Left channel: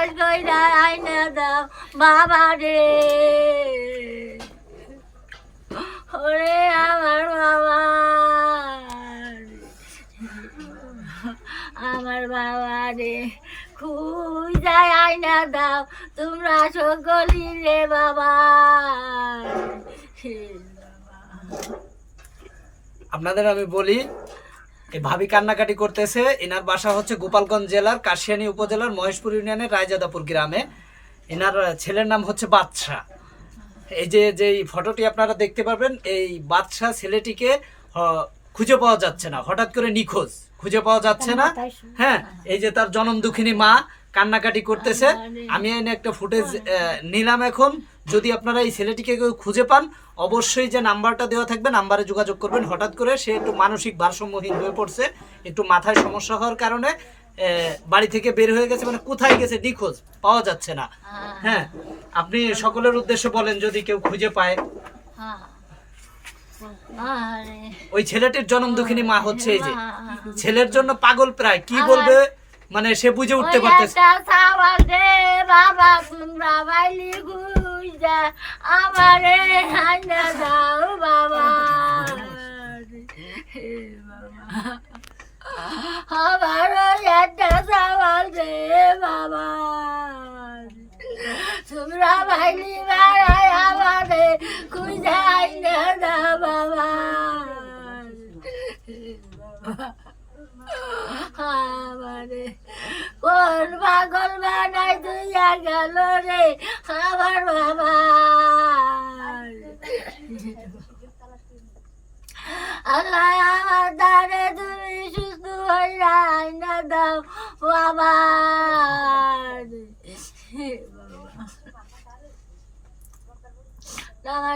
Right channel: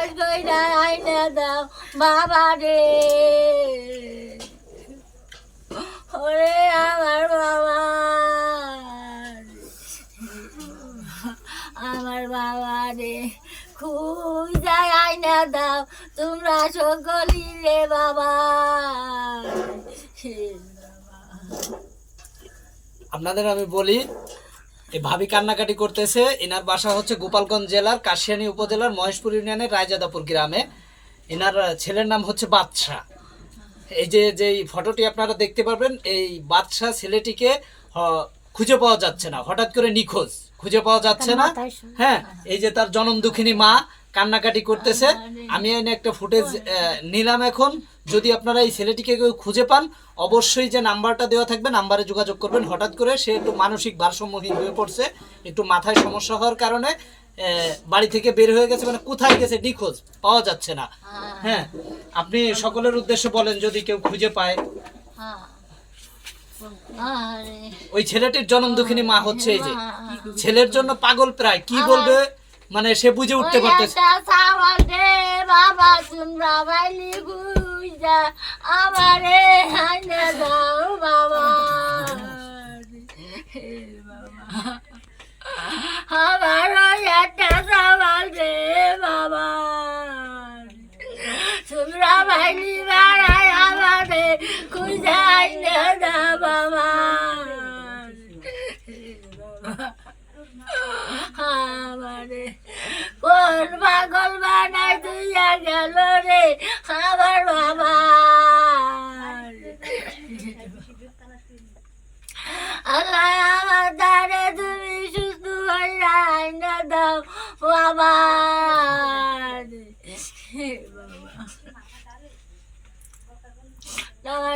কাজ দাও বাবা রে ওরে আমার বাবা আমার বাবা রে খুই যায় দাও তোমরা সকলি রে বাবা আপনাদের আমি বলি এই ভাবি কান্নাকাটি করতেছে। এনার বাসা হচ্ছে গোপালগঞ্জ জেলার কাশিয়ানী উপজেলার মহেশপুর ইউনিয়নের রায়জাদাপুর গ্রামে। এনার ছেলের নাম হচ্ছে বাদশাহ এই যে যে ফটোটি আপনারা দেখতে পারবেন এই বাদশাহ ছেলেটিকে খুঁজে পাওয়া যাচ্ছে না। হঠাৎ করে নিখোঁজ। খুঁজে পাওয়া যাচ্ছে না। হ্যাঁ এই যে তার জনম দুঃখিনী মা কান্নাকাটি করতেছে। আমি এনে একটা ফুটেজ নিলাম এখন। যদি আপনারা এই ছেলেটিকে কেউ খুঁজে পান অবশ্যই যে নাম্বারটা দেওয়া থাকবে নাম্বারে যোগাযোগ করবেন। হঠাৎ করে সে একটু মানসিক ভারসাম্যহীন হয়ে পড়ছে। একটু মাথায় সমস্যা হওয়ার কারণে বাড়ি থেকে বের হয়ে গেছে। মানে কোথায় গেছে নিখোঁজ পাওয়া যাচ্ছে না। হ্যাঁ। আপনি সকলের উদ্দেশ্যে বলেন যদি কেউ খুঁজে পায়। হ্যাঁ। ওই ছেলেটির জনম দুঃখিনী মা হচ্ছে এই যে। ছেলের জন্য পাগল প্রায়। কি বলবে? মানে সে বুঝে উঠতে পারতেছে। একটা দে বাবা তোমরা বাড়াই বাবা। বাবা। কোন পাগল বানাই তুইয়া গেল রে, আমার বাবা। আল্লাহ আমার দ্বারা তুমি সুস্থ হইয়া আইনা দাও বাবা। বাবা